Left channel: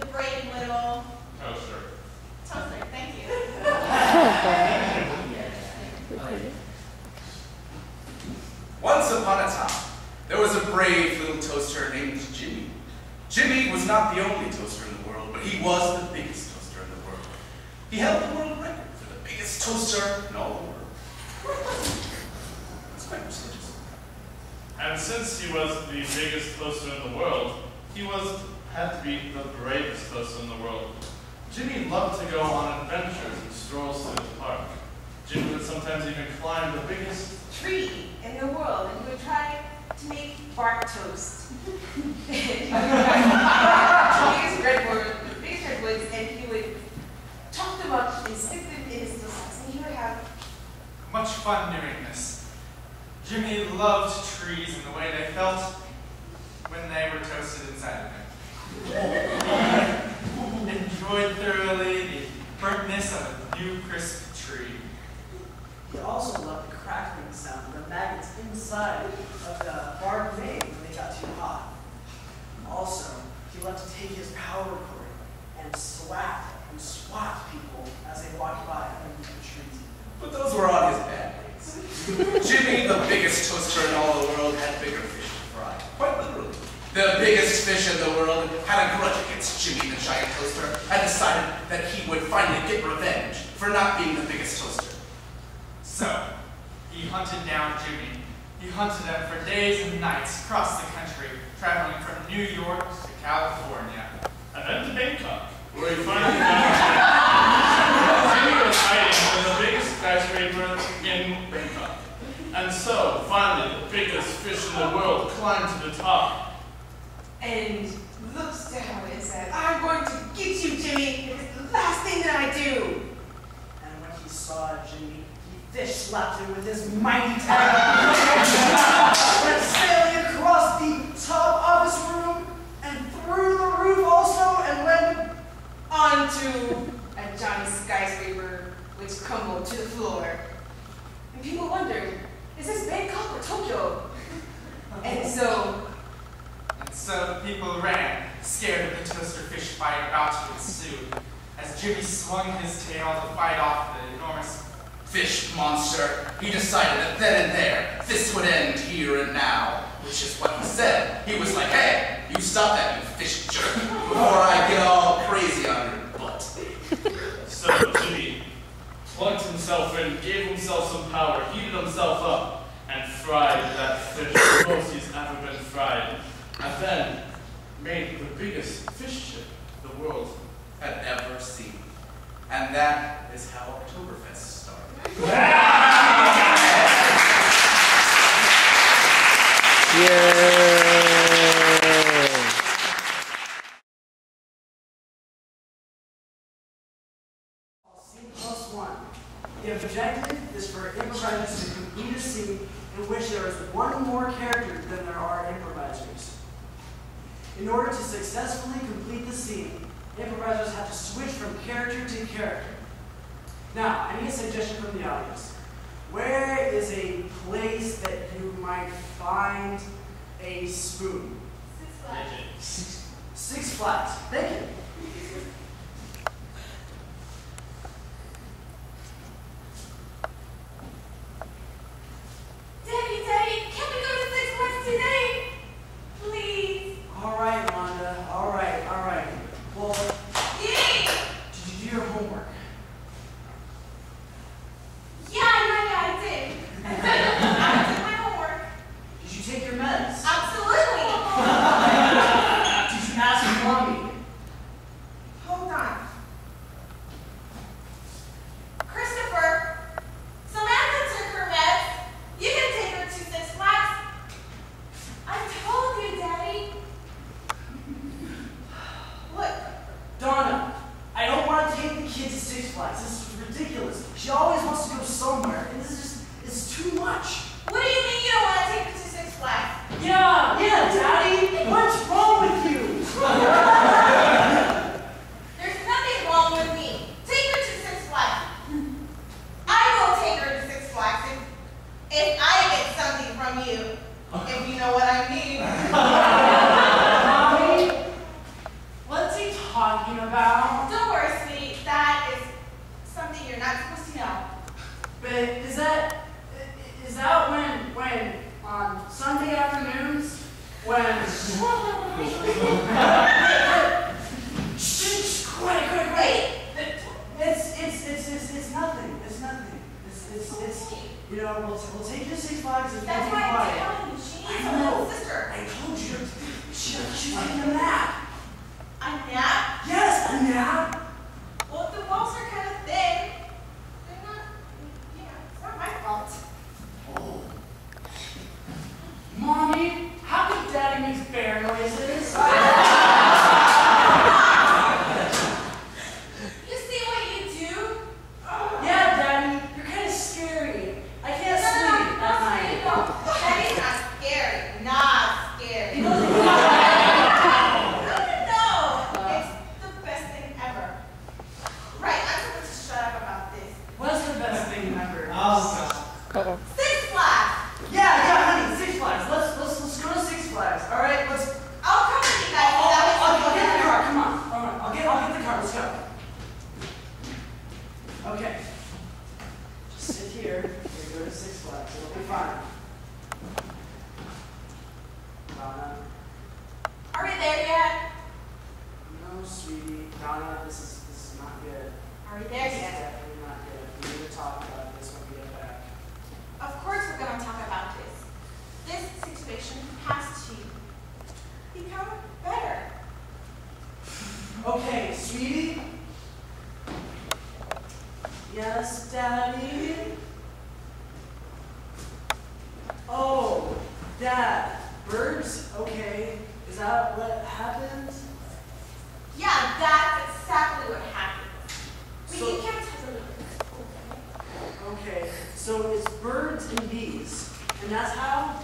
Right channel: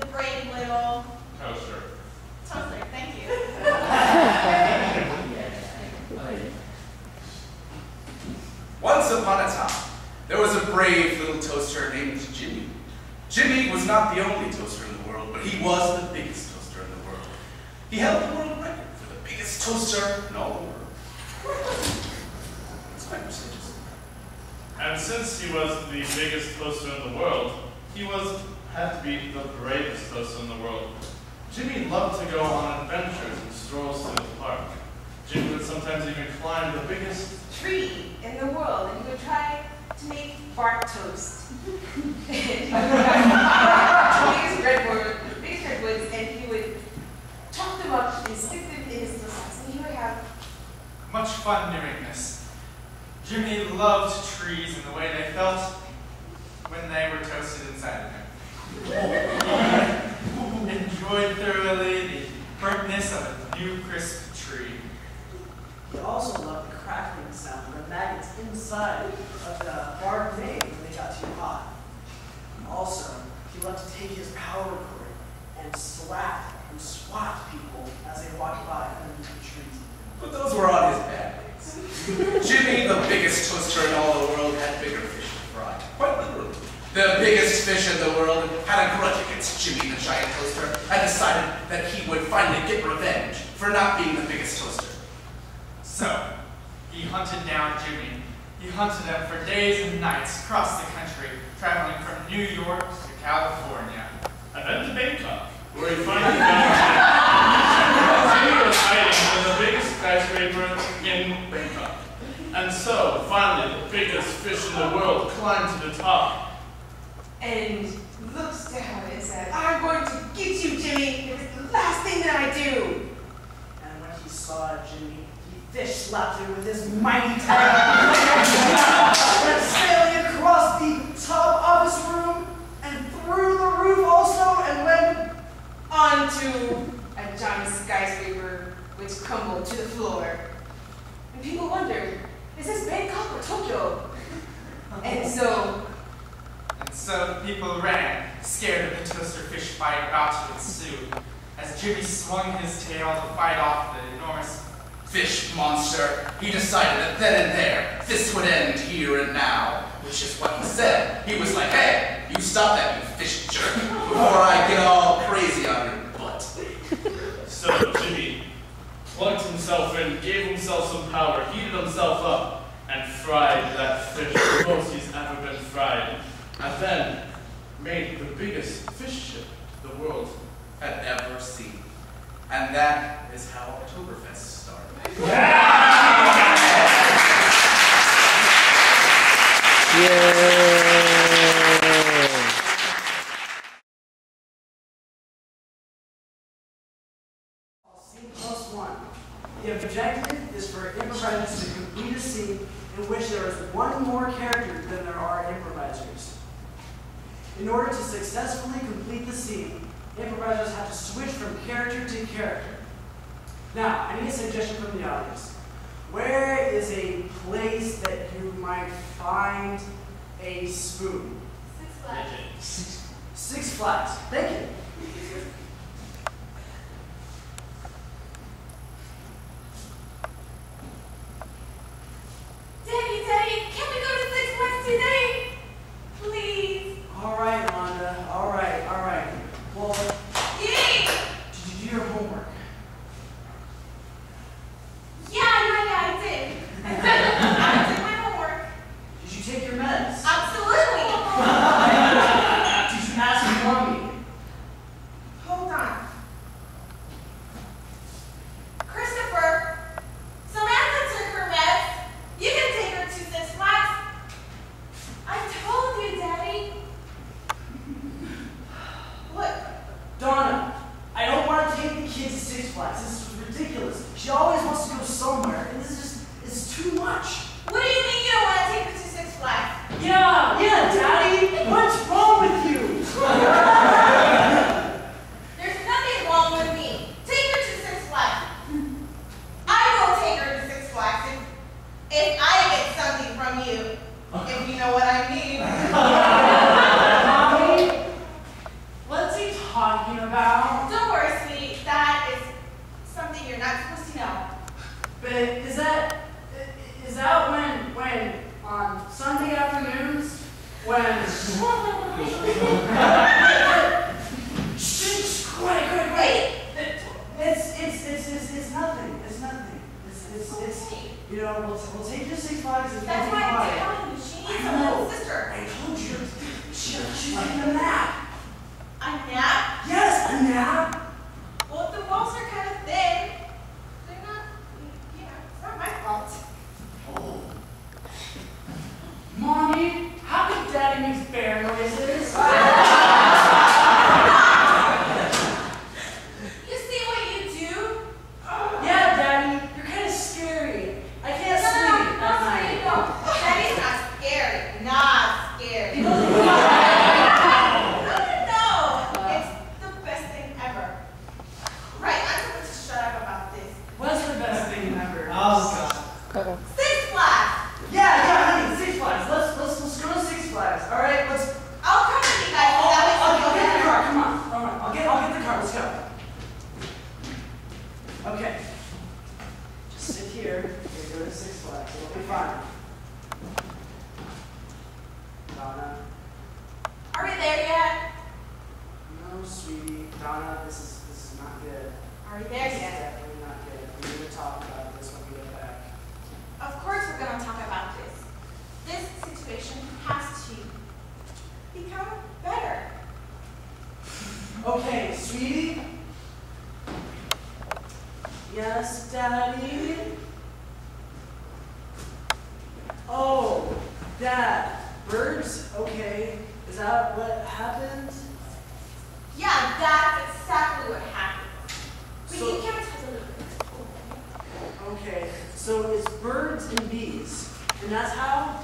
The brave little toaster. Toaster, thank you. Once upon a time, there was a brave little toaster named Jimmy. Jimmy was not the only toaster in the world, but he was the biggest toaster in the world. He held the world record for the biggest toaster in all the world. It's quite prestigious. And since he was the biggest toaster in the world, he had to be the bravest toaster in the world. Jimmy loved to go on adventures and strolls through the park. Jimmy would sometimes even climb the biggest tree in the world, and he would try to make bark toast. He would try the biggest redwoods, and he would chop them up and stick them in his little socks, and he would have much fun doing this. Jimmy loved trees and the way they felt when they were toasted inside of him. Enjoyed thoroughly the burntness of a new crisp tree. He also loved the crackling sound of the maggots inside of the bark made when they got too hot. Also, he loved to take his power cord and slap and swat people as they walked by underneath the trees. But those were on his bad days. Jimmy, the biggest toaster in all the world, had bigger fish to fry. Quite literally. The biggest fish in the world had a grudge against Jimmy the giant toaster and decided that he would finally get revenge for not being the biggest toaster. So, he hunted down Jimmy. He hunted him for days and nights across the country, traveling from New York to California. and then to Bangkok, where he finally found Jimmy was hiding in the biggest skyscraper in Bangkok. And so, finally, the biggest fish in the world climbed to the top. And looks down and said, I'm going to get you, Jimmy. It is the last thing that I do. And when he saw Jimmy, he fish slapped him with his mighty tail. Went sailing across the top of his room and through the roof also, and went onto a giant skyscraper which crumbled to the floor. And people wondered, is this Bangkok or Tokyo? And so the people ran, scared of the toaster fish fight about to ensue, as Jimmy swung his tail to fight off the enormous fish monster. He decided that then and there, this would end here and now, which is what he said. He was like, hey, you stop that, you fish jerk, before I get all crazy on your butt. So Jimmy plugged himself in, gave himself some power, heated himself up, and fried that fish the most he's ever been fried. And then made the biggest fish chip the world had ever seen. And that is how Oktoberfest started. Scene+1. The objective is for improvisers to complete a scene in which there is one more character than there are improvisers. In order to successfully complete the scene, improvisers have to switch from character to character. Now, I need a suggestion from the audience. Where is a place that you might find a spoon? Six Flags. Six Flags. Thank you. Daddy, can we go to Six Flags today? Please. All right, Rhonda. All right. Well, Yay! did you do your homework? Yeah, I did. I did my homework. Did you take your meds? Absolutely. Did you ask mommy? Shh, quiet. It's nothing. It's you know, we'll take your 6 flags and That's we'll be why I'm quiet. telling you. She needs I a know. little sister. I told you. She's taking a nap. A nap? Yes, a nap. Well, if the walls are kind of thin, they're not, it's not my fault. Oh. Mommy, how come Daddy makes bear noises? You see what you do? Yeah, Daddy, you're kind of scary. I can't sleep at night. No. Daddy's not scary. Not scary. He doesn't No, it's the best thing ever. Right, I'm supposed to shut up about this. What's the best thing ever? Oh, God. 6 Flags. Yeah, honey, 6 flags. Let's go to 6 flags. All right, let's. I'll come with you guys. I'll get the car. Come on. All right, I'll get the car. Let's go. Okay. Just sit here. We're going to 6 flags. It'll be fine. Donna. Are we there yet? No, sweetie. Donna, this is not good. Are we This there is yet? definitely not good. We need to talk about this when we get back. Of course we're going to talk about this. This situation has to become better. Okay, sweetie. Yes, Daddy. Oh, Dad. Birds? Okay. Is that what happened? Yeah, that's exactly what happens. But So- you can't tell the Okay. So it's birds and bees, and that's how